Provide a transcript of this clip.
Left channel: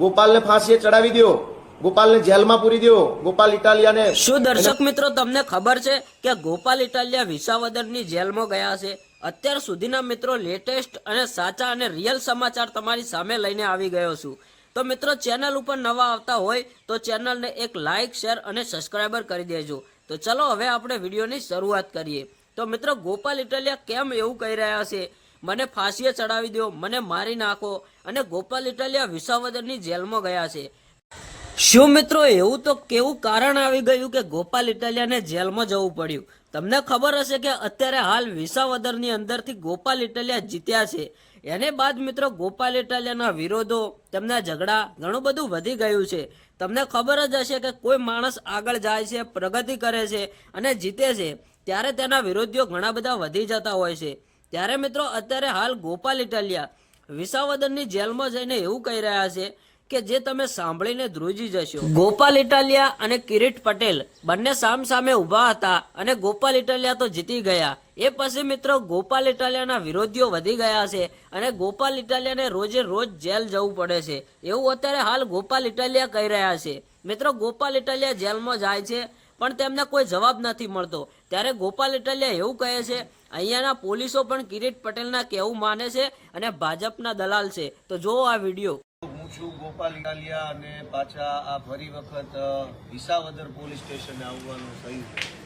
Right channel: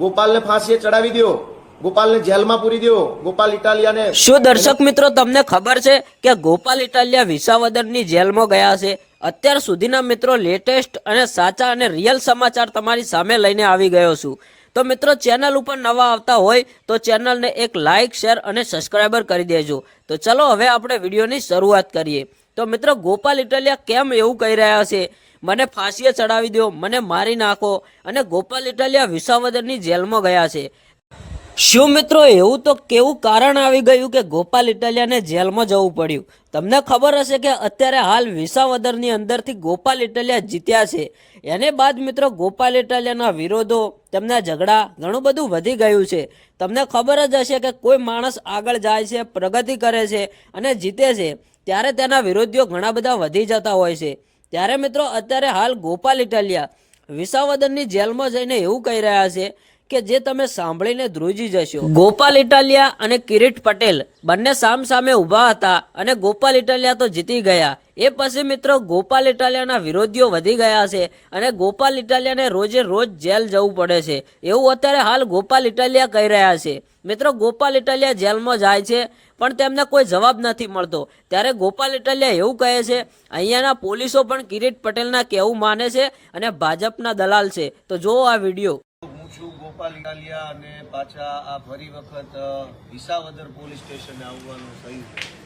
ગોપાલને ફાંસીએ ચડાવી દો, ગોપાલને જેલમાં પૂરી દો, ગોપાલ ઇટાલિયાને। શું દર્શક મિત્રો તમને ખબર છે કે ગોપાલ ઇટાલિયા વિસાવદરની જેલમાં ગયા છે? અત્યાર સુધીના મિત્રો લેટેસ્ટ અને સાચા અને રિયલ સમાચાર તમારી સામે લઈને આવી ગયો છું। તો મિત્રો ચેનલ ઉપર નવા આવતા હોય તો ચેનલને એક લાઇક, શેર અને સબસ્ક્રાઈબર કરી દેજો। તો ચલો હવે આપણે વિડીયોની શરૂઆત કરીએ। તો મિત્રો ગોપાલ ઇટાલિયા કેમ એવું કહી રહ્યા છે, મને ફાંસીએ ચડાવી દો, મને મારી નાખો, અને ગોપાલ ઇટાલિયા વિસાવદરની જેલમાં ગયા છે? શું મિત્રો એવું તો કેવું કારણ આવી ગયું કે ગોપાલ ઇટાલિયાને જેલમાં જવું પડ્યું? તમને ખબર હશે કે અત્યારે હાલ વિસાવદરની અંદરથી ગોપાલ ઇટાલિયા જીત્યા છે। એને બાદ મિત્રો ગોપાલ ઇટાલિયાના વિરોધો, તેમના ઝઘડા ઘણું બધું વધી ગયું છે। તમને ખબર જ હશે કે કોઈ માણસ આગળ જાય છે, પ્રગતિ કરે છે અને જીતે છે ત્યારે તેના વિરોધીઓ ઘણા બધા વધી જતા હોય છે। ત્યારે મિત્રો અત્યારે હાલ ગોપાલ ઇટાલિયા વિસાવદરની જેલમાં જઈને એવું કહી રહ્યા છે કે જે તમે સાંભળીને ધ્રુજી જશો। ગોપાલ ઇટાલિયા અને કિરીટ પટેલ બંને સામ સામે ઊભા હતા અને ગોપાલ ઇટાલિયા તો જીતી ગયા। એ પછી મિત્રો ગોપાલ ઇટાલિયાના વિરોધીઓ વધી ગયા છે અને ગોપાલ ઇટાલિયાને રોજે રોજ જેલ જવું પડે છે એવું અત્યારે હાલ ગોપાલ ઇટાલિયા કહી રહ્યા છે। મિત્રો ગોપાલ ઇટાલિયા જેલમાં જાય છે પણ તેમને કોઈ જવાબ નથી મળતો, ત્યારે ગોપાલ ઇટાલિયા એવું કહે છે અહીંયાના પોલીસો પણ કિરીટ પટેલના કહેવું માને છે અને ભાજપના દલાલ છે। તો જુઓ આ વિડીયો। હું છું ગોપાલ ઇટાલિયા અને પાછા આ ફરી વખત વિસાવદર પોલીસ સ્ટેશને આવવાનું થયું।